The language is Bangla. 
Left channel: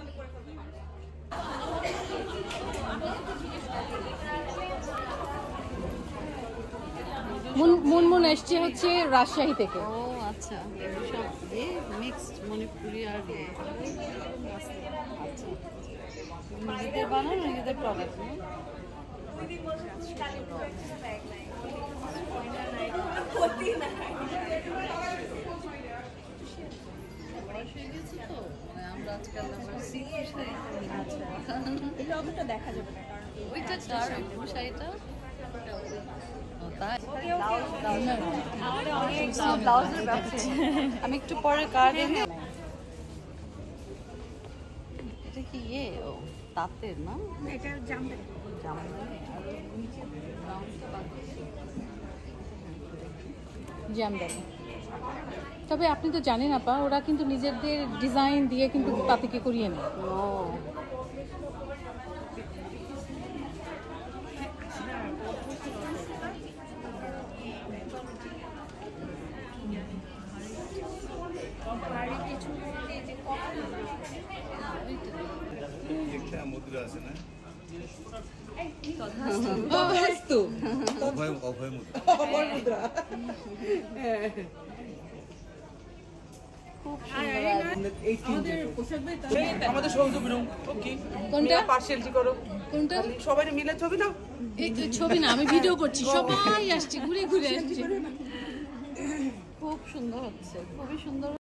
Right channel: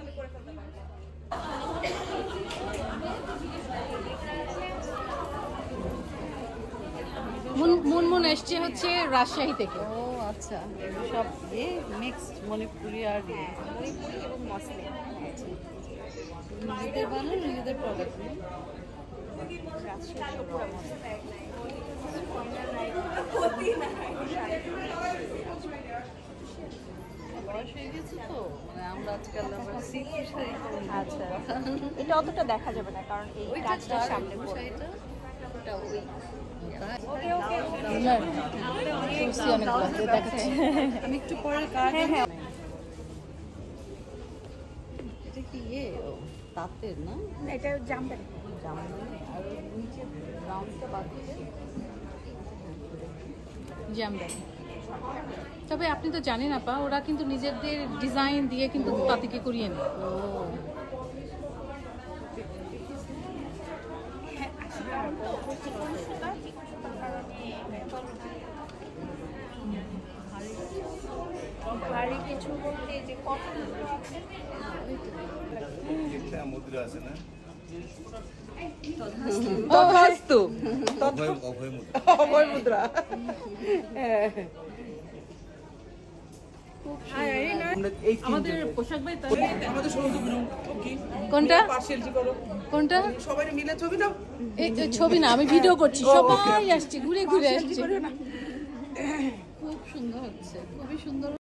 তাহলে করে ফেলতে পারবো। মুনমুন এসছে হচ্ছে রাজশাহী থেকে। ও আচ্ছা, সব মিক্সড মণিপুরি আর মণিপুরি এবং মসলিন। নিজেদের বানানো, নিজেদের প্রোডাক্ট না? বয়স হয়ে গেছে তো, মানে আমরা আজকাল আবার সিল্কের শাড়ি পরি। আচ্ছা, এটা অতটা দেখা যাবে না কারণ এই ওইটা কাজটা সামনে শাড়িটা ওটা ওই আমাদের অনেক ব্লাউজ আছে। আমি একটু পরে কার্ড এটা কি তাঁতের না? এটা জামদানি। জামদানি আর নিচে ব্রাউনটা বাকি জামদানি। তবে আপনি তো জানেন আপা, ওরা কিন্তু নিজেদের ডিজাইন দিয়ে কিন্তু তাঁতিকে করিয়ে নেয়। ও মুদ্রা আছে না? অভয় মুদ্রা। আমাদের পোশাক ভাই আমাদের সন্ধু কোনটা পার্সেলটি করো, কোনটা সবাই মিলে ছবি দাও। এই ছবি না, আমি ভিডিও করছি, সবাই আসছে, ঘুরে ঘুরে আসছে। খুব সুন্দর হচ্ছে, খুবই সুন্দর।